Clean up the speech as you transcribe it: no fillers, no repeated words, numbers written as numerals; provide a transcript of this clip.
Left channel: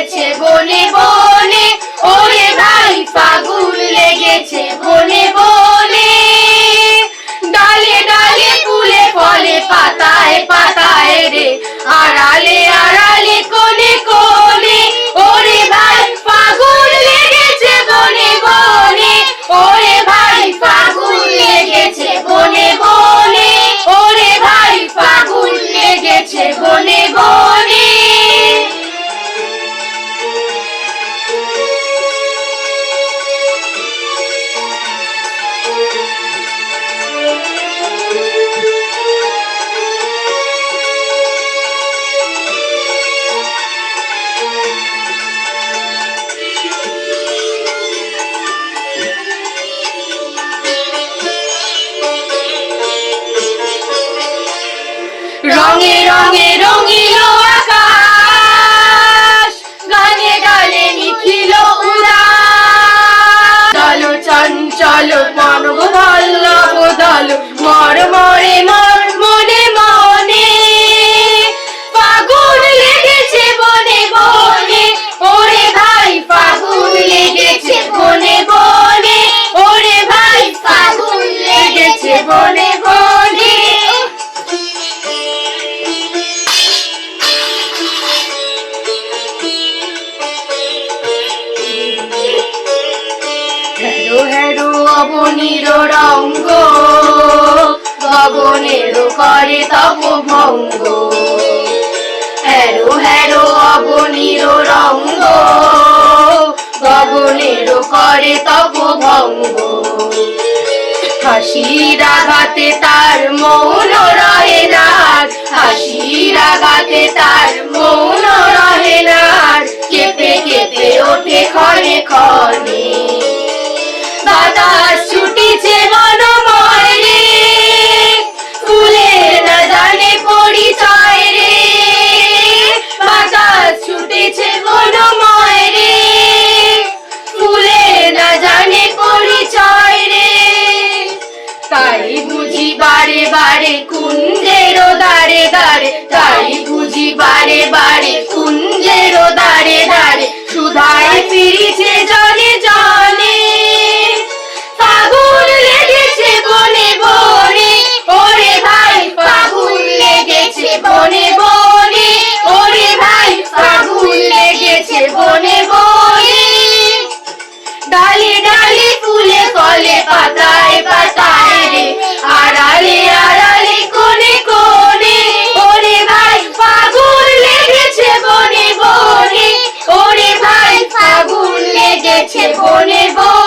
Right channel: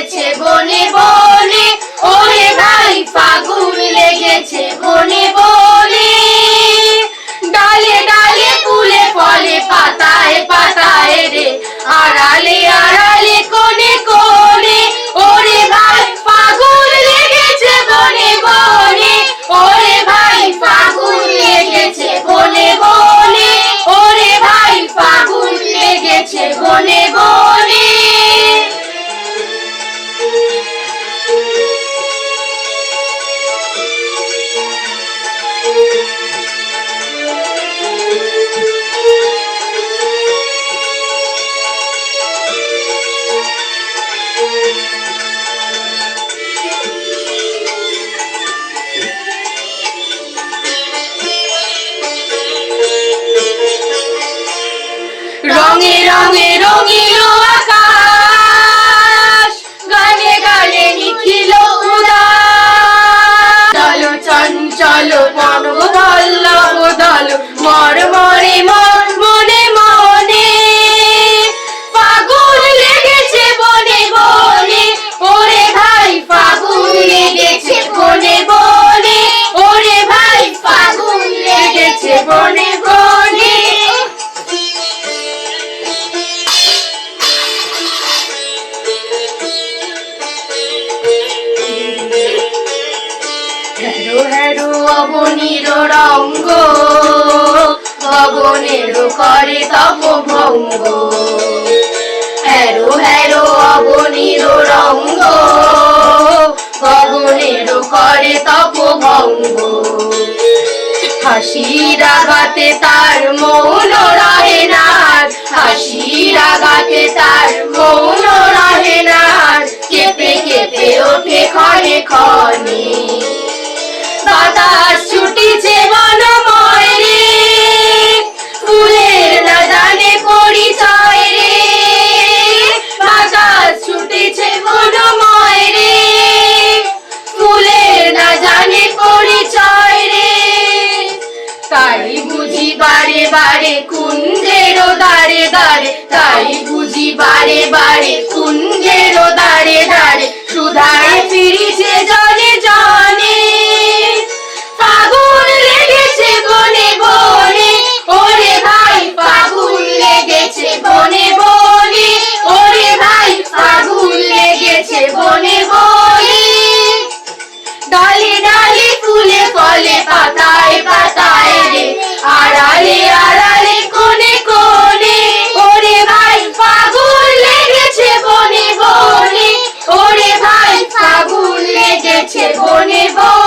লেগেছে বনে বনে, ওরে ভাই ফাগুন লেগেছে বনে বনে। ডালে ডালে ফুলে ফলে পাতায় পাতায় রে, আড়ালে আড়ালে কোণে কোণে, ওরে ভাই ফাগুন লেগেছে বনে বনে, ওরে ভাই ফাগুন লেগেছে বনে বনে, ওরে ভাই ফাগুন লেগেছে বনে বনে। রঙে রঙে রঙিল আকাশ, গানে গানে নিখিল উদাস। দল চঞ্চল মনব বল্লভ দল, মরমরে মন মনে মনে। ফাগুন লেগেছে বনে বনে, ওরে ভাই ফাগুন লেগেছে বনে বনে, ওরে ভাই ফাগুন লেগেছে বনে বনে। হেরো হেরো অবনীর রঙ্গ, গগনের করে তব ভঙ্গ। হেরো হেরো অবনীর রঙ্গ, গগনের করে তব ভঙ্গ। হাসির আঘাতে তার মৌন রহে না, হাসির আঘাতে তার মৌন রহে না, কেঁপে কেঁপে ওঠে ক্ষণে ক্ষণে। বাতাস ছুটিছে বনময় রে, ফুলের না জানে পরিচয় রে। বাতাস ছুটিছে বনময় রে, ফুলের না জানে পরিচয় রে। তাই বুঝি বারে বারে কুঞ্জের দাঁড়ে দাঁড়ে, তাই বুঝি বারে বারে কুঞ্জের দাঁড়ে দাঁড়ে, সুধায় ফিরিছে জনে জনে। ফাগুন লেগেছে বনে বনে, ওরে ভাই ফাগুন লেগেছে বনে বনে, ওরে ভাই ফাগুন লেগেছে বনে বনে। ডালে ডালে ফুলে ফলে পাতায় পাতায় রে, আড়ালে আড়ালে কোণে কোণে, ওরে ভাই ফাগুন লেগেছে বনে বনে, ওরে ভাই ফাগুন লেগেছে বনে বনে।